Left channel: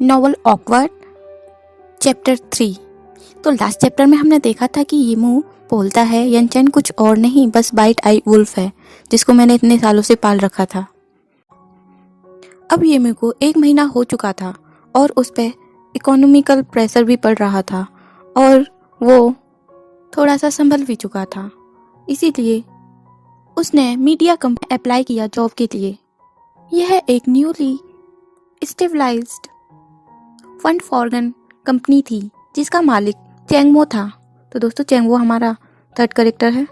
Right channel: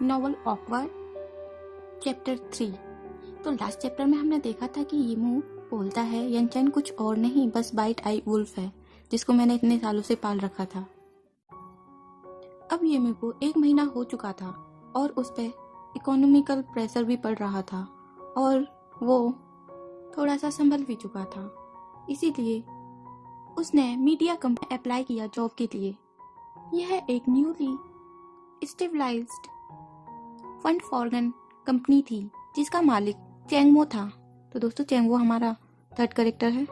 Novel awkward chapter 3। तो last chapter में हमने देखा था कि यीमू बोलता है यनचेन कुछ और नहीं बस बाइट आई वुल्फ है जिसको मैंने इतने सालों से पाल रखा था। अब यीमू को 1 महीना हो चुका था और उस पर इकोनॉमिकल प्रेशर भी पड़ रहा था और वो थोड़ा सा संभल भी चुका था। इसीलिए उसने मीडिया कंपनी अप्लाई किया जॉब के लिए। यह एक न्यूली स्टेबलाइज्ड फंड फॉर्गन कंपनी थी जिसका मालिक चेंगमो था। तो दोस्तों चेंगमो हमारा थर्ड कैरेक्टर है।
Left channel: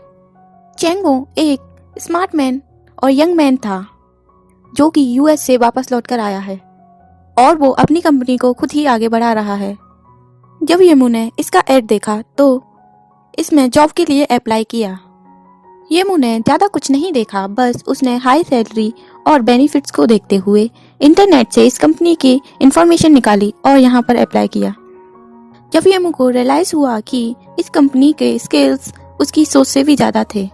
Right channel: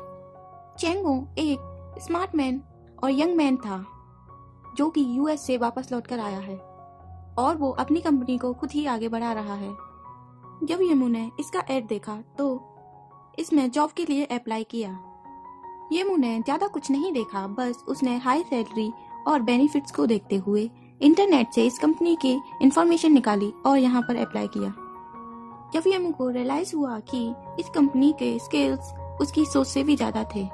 चेंगमो एक स्मार्ट मैन और यंग मैन था जो कि यूएस से वापस लौटकर आया है और वो अपनी कंपनी को खुद ही आगे बढ़ा रहा है। जब यीमू ने इसका एड देखा तो इसमें जॉब के लिए अप्लाई किया। यीमू ने ज़्यादा कुछ नहीं देखा, बस उसने हाई सैलरी और बेनिफिट्स को देखते हुए इंटरनेट से इस कंपनी की इंफॉर्मेशन निकाली और यहाँ पर अप्लाई किया। जब यीमू को रियलाइज हुआ कि इस कंपनी के स्किल्स उसकी सोच से भी ज़्यादा थे।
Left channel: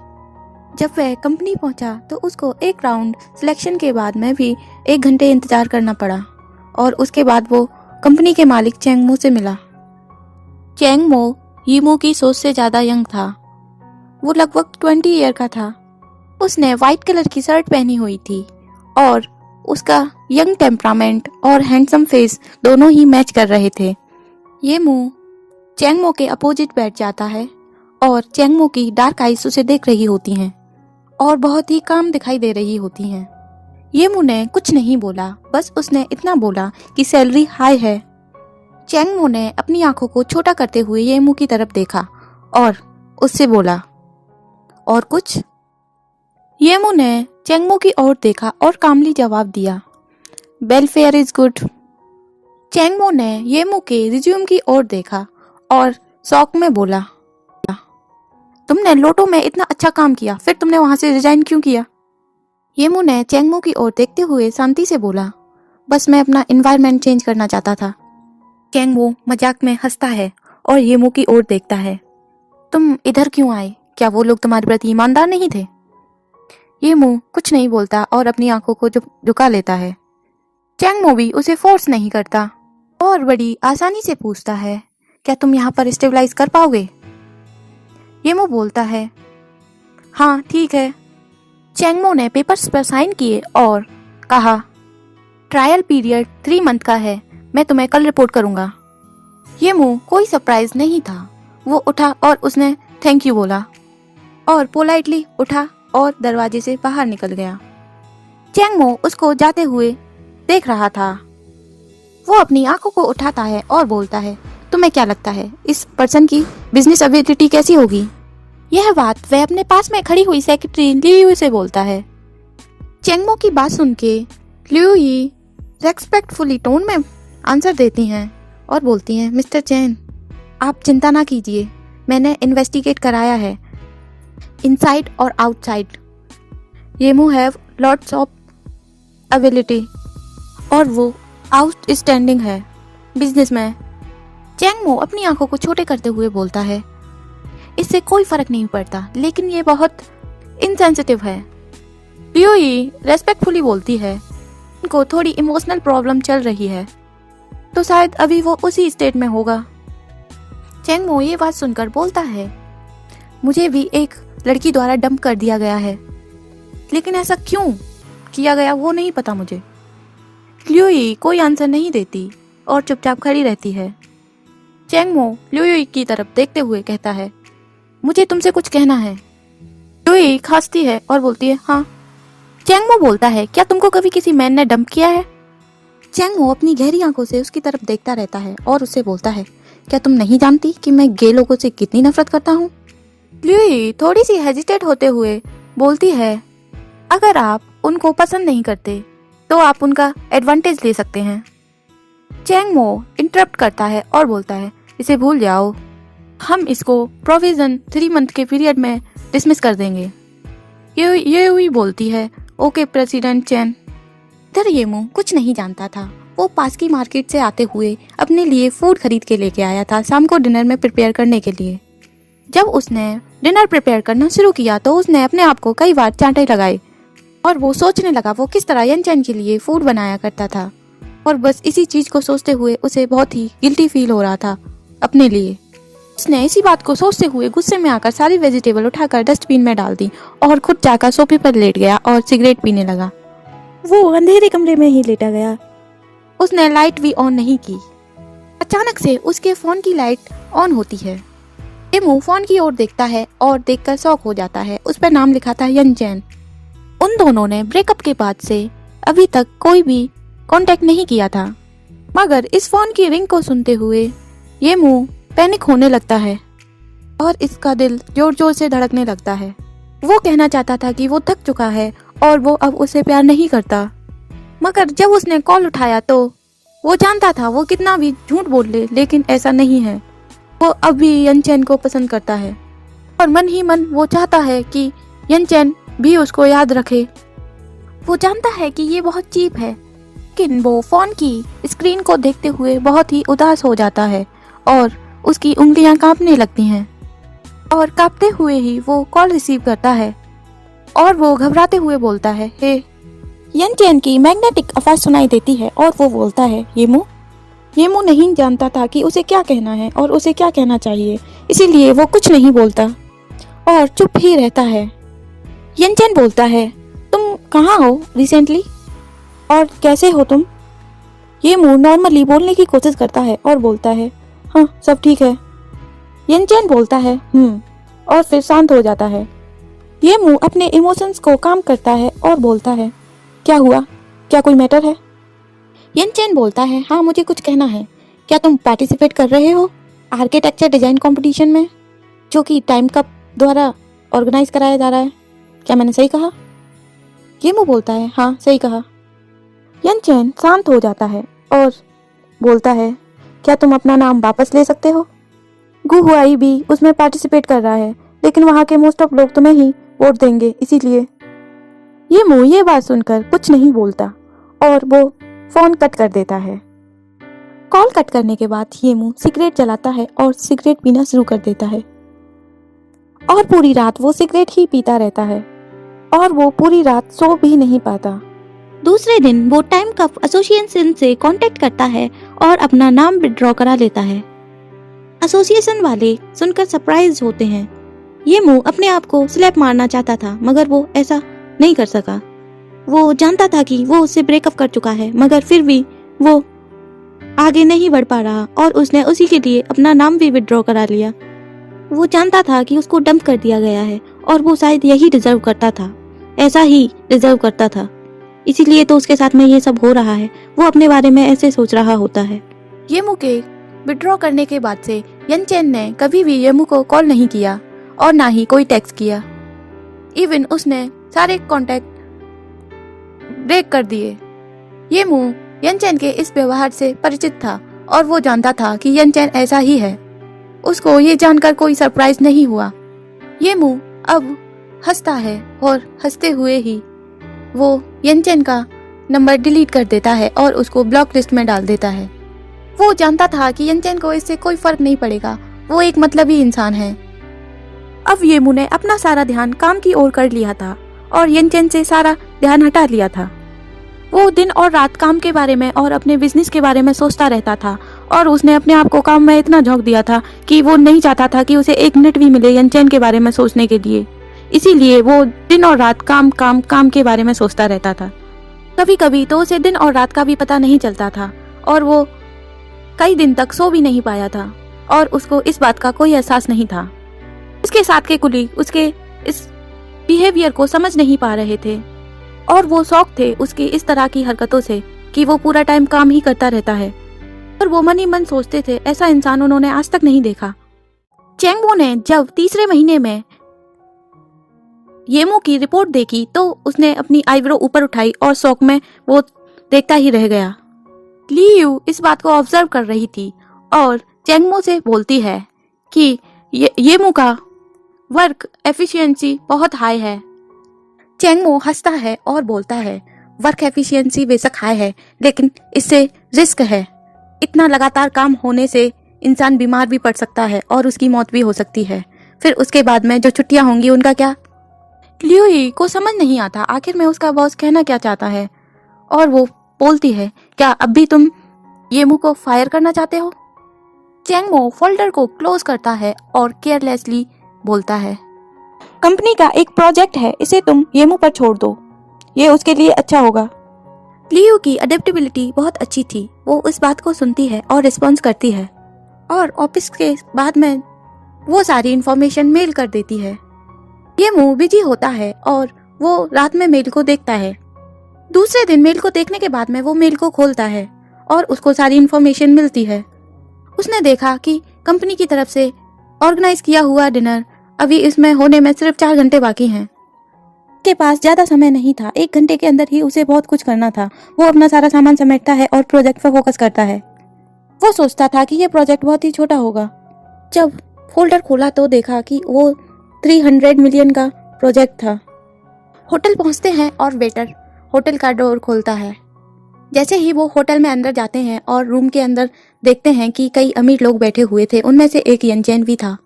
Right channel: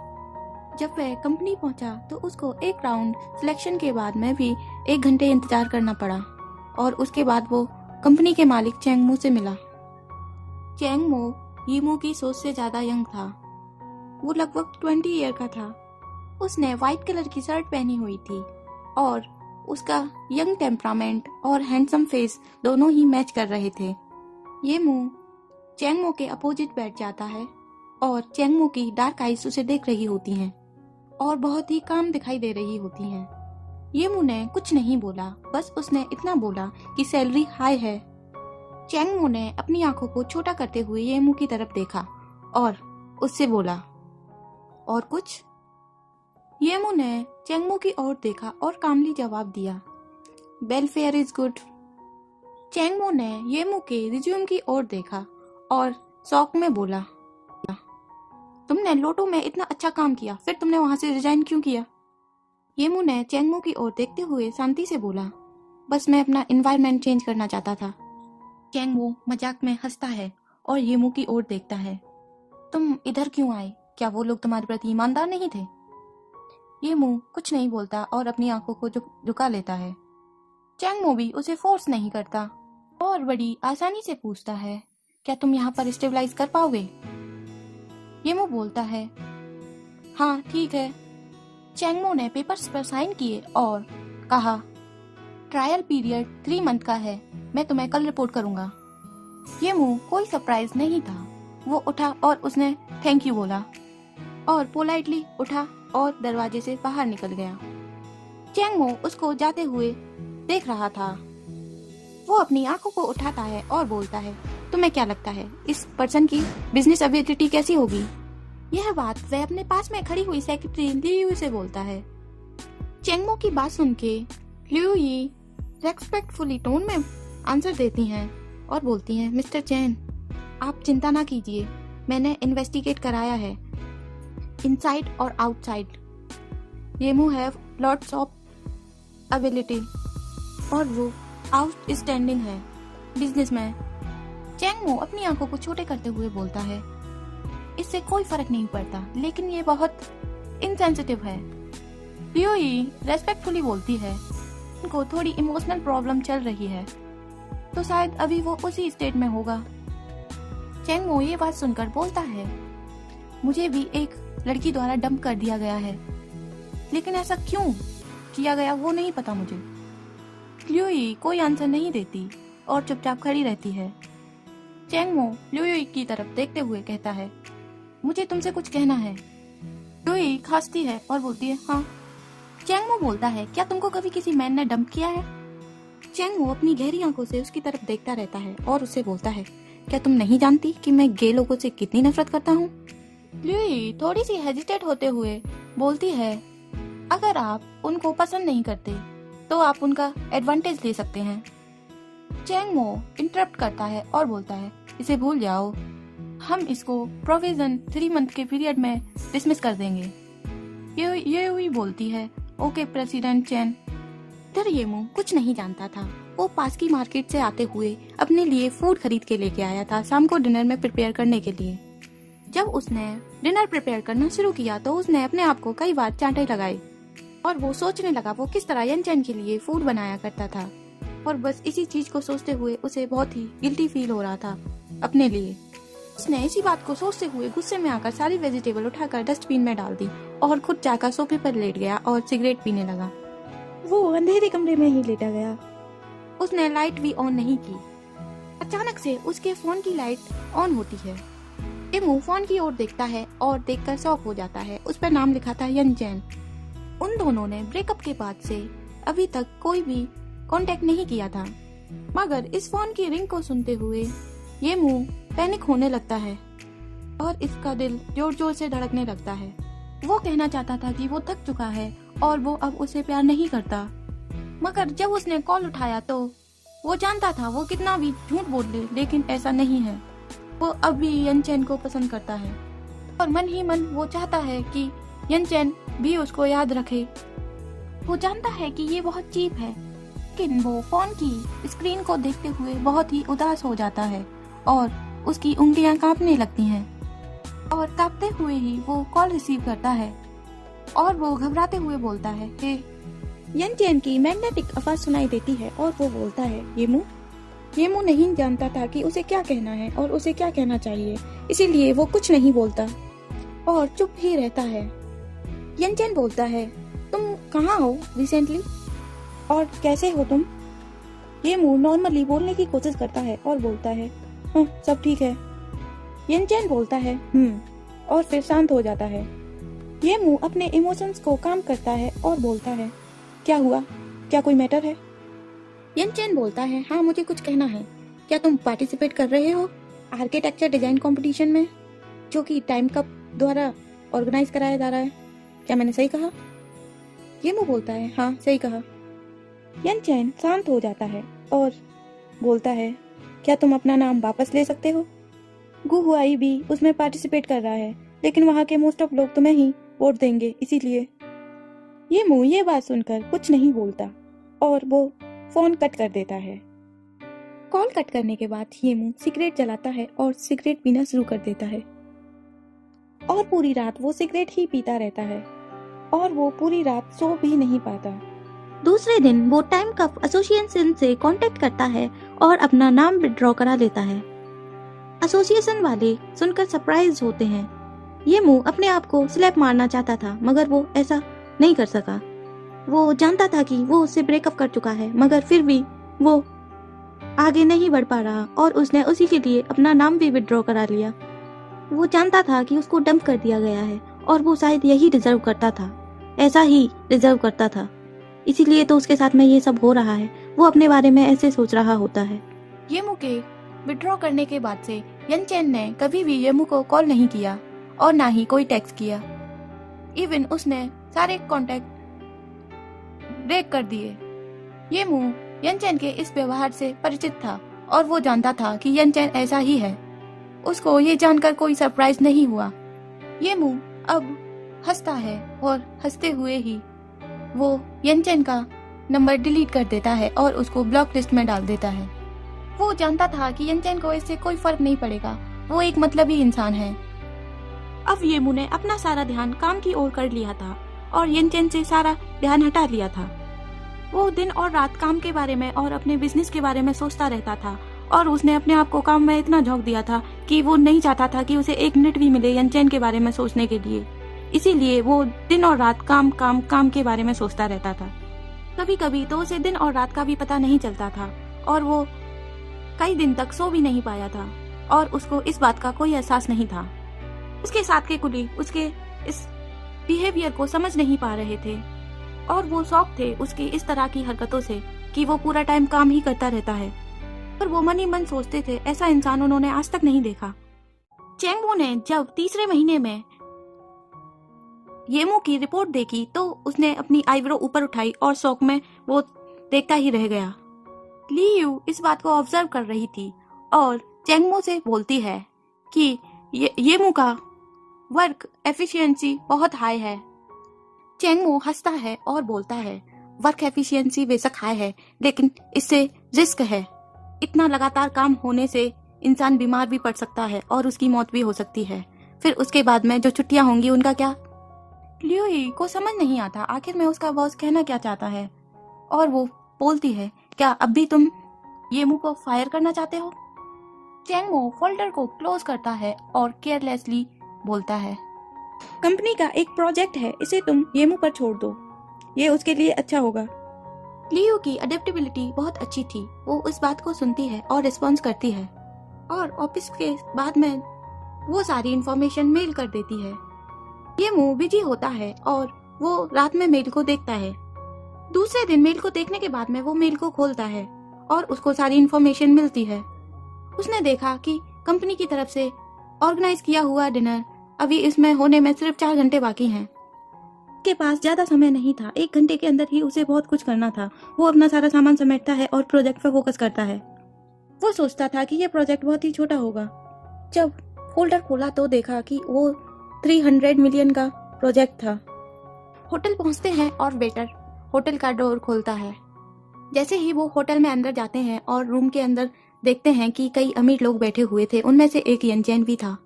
जब वह कंपनी पहुंचा तो उसको एक राउंड सिलेक्शन के बाद में भी 1 घंटे इंतजार करना पड़ा और उसके बाद वो कंपनी के मालिक चेंगमो से मिला। चेंगमो यीमू की सोच से ज़्यादा यंग था। वो लगभग 20 ईयर का था। उसने वाइट कलर की शर्ट पहनी हुई थी और उसका यंग टेम्परामेंट और हैंडसम फेस दोनों ही मैच कर रहे थे। यीमू चेंगमो के अपोजिट बैठ जाता है और चेंगमो की डार्क आइज उसे देख रही होती हैं और बहुत ही काम दिखाई दे रही होती हैं। यीमू ने कुछ नहीं बोला, बस उसने इतना बोला कि सैलरी हाई है। चेंगमो ने अपनी आंखों को छोटा करते हुए यीमू की तरफ देखा और उससे बोला, और कुछ? यीमू ने चेंगमो की ओर देखा और कामली जवाब दिया, वेलफेयर इज गुड। चेंगमो ने यीमू के रिज्यूम की ओर देखा और शौक में बोला, तुमने लोटो में इतना अच्छा काम किया, फिर तुमने वहां से रिजाइन क्यों किया? यीमू ने चेंगमो की ओर देखते हुए शांति से बोला, बस मैं अपना एनवायरनमेंट चेंज करना चाहता था। चेंगमो मजाक में हंसता है और यीमू की ओर देखता है, तुम इधर क्यों आए? क्या वो लोग तुम्हारे प्रति ईमानदार नहीं थे? यीमू कुछ नहीं बोलता और अपनी आंखों को झुका लेता है। चेंगमो भी उसे फोर्स नहीं करता और बड़ी आसानी से पूछता है, क्या तुम यहाँ पर स्टेबलाइज कर पाओगे? यीमू बोलता है, हाँ ठीक है। चेंगमो ने पेपर्स पर साइन किए और कहा, ट्रायल पीरियड 3 मंथ का है, मैं तुम्हें कल रिपोर्ट करूंगा। यीमू कोई सरप्राइज नहीं था। वो उठा और उसने थैंक यू बोला और पोलाइटली उठा और दरवाजे से बाहर निकल गया। चेंगमो उसको जाते हुए देख रहा था। वो अपनी आंखों को उठाता है और बोलता है, तुम्हें क्या लगता है इस पर्सन की बिजनेस एबिलिटी कैसी होगी? यह बात वह अपने पास में खड़ी हुई सेक्रेटरी लियू से बोलता है। चेंगमो की बात सुन के लियू ही रेस्पेक्टफुली टोन में आंसर देती हैं और बोलती हैं, मिस्टर चेन आप चिंता ना कीजिए, मैंने इन्वेस्टिगेट कराया है इनसाइड और आउटसाइड। यीमू हैव लॉट्स ऑफ एबिलिटी और वो आउटस्टैंडिंग है बिजनेस में। चेंगमो अपनी आंखों को छोटे करते हुए बोलता है, इससे कोई फर्क नहीं पड़ता, लेकिन ये बहुत इनसेंसिटिव है। लियो ही रेस्पेक्टफुली बोलती है, उनको थोड़ी इमोशनल प्रॉब्लम चल रही है, तो शायद अभी वो उसी स्टेट में होगा। चेंगमो ये बात सुनकर बोलता है, मुझे भी एक लड़की द्वारा डंप कर दिया गया है, लेकिन ऐसा क्यों किया गया वो नहीं पता मुझे। लियोई कोई आंसर नहीं देती और चुपचाप खड़ी रहती है। चेंगमो लियोई की तरफ देखते हुए कहता है, मुझे तुमसे कुछ कहना है। लियोई खांसती है और बोलती है, हाँ। चेंगमो बोलता है, क्या तुमको कभी किसी मैन ने डंप किया है? चेंगमो अपनी गहरी आंखों से उसकी तरफ देखता रहता है और उससे बोलता है, क्या तुम नहीं जानती कि मैं गे लोगों से कितनी नफरत करता हूँ? लियोई थोड़ी सी हेजिटेट होते हुए बोलती है, अगर आप उनको पसंद नहीं करते तो आप उनका एडवांटेज ले सकते हैं। चेंगमो इंटरप्ट करता है और बोलता है, इसे भूल जाओ, हम इसको प्रोविजन 3 मंथ के पीरियड में डिसमिस कर देंगे। ये हुई बोलती है, ओके प्रेसिडेंट चेन। इधर यीमू कुछ नहीं जानता था। वो पास की मार्केट से आते हुए अपने लिए फूड खरीद के लेके आया था शाम को डिनर में प्रिपेयर करने के लिए। जब उसने डिनर प्रिपेयर करना शुरू किया तो उसने अपने आप को कई बार चांटे लगाए और वो सोचने लगा वो किस तरह यनचेन के लिए फूड बनाया करता था। और बस इसी चीज को सोचते हुए उसे बहुत ही गिल्टी फील हो रहा था अपने लिए। उसने इसी बात को सोचते हुए गुस्से में आकर सारी वेजिटेबल उठाकर डस्टबिन में डाल दी और खुद जाकर सोफे पर लेट गया और सिगरेट पीने लगा। वो अंधेरे कमरे में ही लेटा गया। उसने लाइट भी ऑन नहीं की। अचानक से उसके फोन की लाइट ऑन होती है। येमू फोन की ओर देखता है और देखकर शॉक हो जाता है। उस पर नाम लिखा था यनचेन। उन दोनों ने ब्रेकअप के बाद से अभी तक कोई भी कांटेक्ट नहीं किया था, मगर इस फोन की रिंग को सुनते हुए येमू पैनिक होने लगता है और इसका दिल जोर जोर से धड़कने लगता है। वो कहना चाहता था कि वो थक चुका है और वो अब उसे प्यार नहीं करता, मगर जब उसने कॉल उठाया तो वो जानता था वो कितना भी झूठ बोल ले, लेकिन ऐसा नहीं है। वो अब भी यनचेन को पसंद करता है और मन ही मन वो चाहता है कि यनचेन भी उसको याद रखे। वो जानता है कि ये बहुत चीप है, लेकिन वो फोन की स्क्रीन को देखते हुए बहुत ही उदास हो जाता है और उसकी उंगलियां कांपने लगती हैं और कांपते हुए ही वो कॉल रिसीव करता है और वो घबराते हुए बोलता है, हे। यनचेन की मैग्नेटिक आवाज सुनाई देती है और वो बोलता है, येमू। येमू नहीं जानता था कि उसे क्या कहना है और उसे क्या कहना चाहिए, इसीलिए वो कुछ नहीं बोलता और चुप ही रहता है। यनचेन बोलता है, तुम कहाँ हो रिसेंटली और कैसे हो तुम? येमू नॉर्मली बोलने की कोशिश करता है और बोलता है, हाँ सब ठीक है। यनचेन बोलता है और फिर शांत हो जाता है। येमू अपने इमोशंस को काम करता है और बोलता है, क्या हुआ, क्या कोई मैटर है? यनचेन बोलता है, हाँ मुझे कुछ कहना है। क्या तुम पार्टिसिपेट कर रहे हो आर्किटेक्चर डिजाइन कंपटीशन में, जो कि टाइम कप द्वारा ऑर्गेनाइज कराया जा रहा है? क्या मैंने सही कहा? येमू बोलता है, हाँ सही कहा। यनचेन शांत हो जाता है और बोलता है, क्या तुम अपना नाम वापस ले सकते हो? गु हुआई भी उसमें पार्टिसिपेट कर रहा है, लेकिन वहाँ के मोस्ट ऑफ लोग तुम्हें ही वोट देंगे, इसीलिए। येमू ये बात सुनकर कुछ नहीं बोलता और वो फोन कट कर देता है। कॉल कट करने के बाद येमू सिगरेट जलाता है और सिगरेट पीना शुरू कर देता है और पूरी रात वो सिगरेट ही पीता रहता है और वो पूरी रात सो भी नहीं पाता। दूसरे दिन वो टाइम कप एसोसिएशन से कांटेक्ट करता है और अपना नाम विड्रॉ करा लेता है। एसोसिएशन वाले सुनकर सरप्राइज होते हैं। येमू अपने आप को स्लैप मारना चाहता था, मगर वो ऐसा नहीं कर सका। वो जानता था कि वो उससे ब्रेकअप कर चुका है, मगर फिर भी वो आगे नहीं बढ़ पा रहा और उसने उसी के लिए अपना नाम भी विड्रॉ करा लिया। वो जानता था कि उसको डंप कर दिया गया है और वो शायद यही डिजर्व करता था, ऐसा ही डिजर्व करता था, इसीलिए तो उसके साथ में ये सब हो रहा है। वो अपने बारे में ऐसे सोच रहा होता है। येमू के विड्रॉ करने के बाद से यनचेन ने कभी भी येमू को कॉल नहीं किया और ना ही कोई टेक्स्ट किया। इवन उसने सारे कांटेक्ट ब्रेक कर दिए। येमू यनचेन के इस व्यवहार से परिचित था और वो जानता था कि यनचेन ऐसा ही है। उसको ये जानकर कोई सरप्राइज नहीं हुआ। येमू अब हंसता है और हंसते हुए ही वो यनचेन का नंबर डिलीट कर देता है और उसको ब्लॉक लिस्ट में डाल देता है। वो जानता था कि यनचेन को इससे कोई फर्क नहीं पड़ेगा, वो एक मतलबी इंसान है। अब येमू ने अपना सारा ध्यान काम की ओर कर लिया था और यनचेन से सारा ध्यान हटा लिया था। वो दिन और रात काम के बारे में और अपने बिजनेस के बारे में सोचता रहता था और उसने अपने आप को काम में इतना झोंक दिया था कि वो नहीं चाहता था कि उसे एक मिनट भी मिले यनचेन के बारे में सोचने के लिए। इसीलिए वो दिन और रात काम काम काम के बारे में सोचता रहता था। कभी कभी तो उसे दिन और रात का भी पता नहीं चलता था और वो कई दिन तक सो भी नहीं पाया था और उसको इस बात का कोई एहसास नहीं था। उसके साथ के कुलीग उसके इस बिहेवियर को समझ नहीं पा रहे थे और वो शौक थे उसकी इस तरह की हरकतों से कि वो पूरा टाइम काम ही करता रहता है। और वो मन ही मन सोचते थे, ऐसा इंसान उन्होंने आज तक नहीं देखा। चेंगबो ने जब तीसरे महीने में येमू की रिपोर्ट देखी तो उसने अपनी आईब्रो ऊपर उठाई और शौक में वो देखता ही रह गया। ली यू इस बात को ऑब्जर्व कर रही थी और चेंगबो से बोलती है कि येमू का वर्क एफिशिएंसी बहुत हाई है। चेंगबो हंसता है और बोलता है, वर्क एफिशिएंसी बेशक हाई है, लेकिन इससे रिस्क है। इतना लगातार काम होने से इंसान बीमार भी पड़ सकता है और उसकी मौत भी हो सकती है। फिर उसके बाद में जो छुट्टियां होंगी उनका क्या? लियू ही को समझ नहीं आता आखिर में उसका बॉस कहना क्या चाहता है और वो बोलती है, क्या अब भी तुम येमू को फायर करना चाहते हो? चैंगमो फोल्डर को क्लोज करता है और केयरलेसली बोलता है, कंपनी का एक प्रोजेक्ट है, इसे तुम येमू पर छोड़ दो, ये उसके लिए अच्छा होगा। लियू की अडेप्टेबिलिटी बहुत अच्छी थी। वो उस बात को सुनती है और रिस्पॉन्स करती है और ऑफिस के बाद में वो सारी इंफॉर्मेशन मेल कर देती है। येमू बिजी होता है और वो रात में मेल को देखता है। दूसरे दिन मेल को देखने के बाद में वो मेल को खोलता है और उसको सारी इंफॉर्मेशन मिलती है। उसने देखा कि कंपनी की तरफ से ऑर्गेनाइज किया हुआ डिनर अभी इसमें होने में सिर्फ 4 घंटे बाकी हैं। के पास ज्यादा समय नहीं था, 1 घंटे के अंदर ही उसे बहुत कुछ करना था। वो अपना सारा सामान समेटता है और प्रोजेक्ट पर फोकस करता है। वो सोचता था कि ये प्रोजेक्ट बहुत ही छोटा होगा। जब फोल्डर खोला तो देखा कि वो 300 मिलियन का प्रोजेक्ट था। होटल पहुंचते हैं और वेटर होटल का डोर खोलता है। जैसे ही वो होटल में अंदर जाते हैं और रूम के अंदर देखते हैं कि कई अमीर लोग बैठे हुए थे, उनमें से एक यनचैन भी था।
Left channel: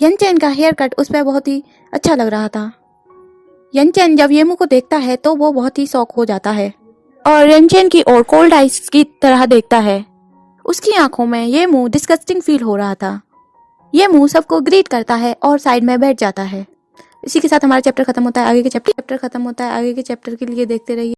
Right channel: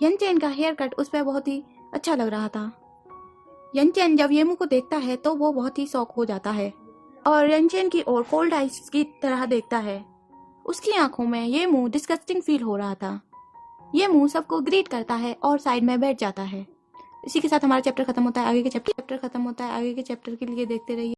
यनचैन का हेयर कट उस पर बहुत ही अच्छा लग रहा था। यनचैन जब येमू को देखता है तो वो बहुत ही शॉक हो जाता है और यनचैन की ओर कोल्ड आइस की तरह देखता है। उसकी आंखों में येमू डिस्गस्टिंग फील हो रहा था। येमू सबको ग्रीट करता है और साइड में बैठ जाता है। इसी के साथ हमारा चैप्टर खत्म होता है। आगे के चैप्टर के लिए देखते रहिए।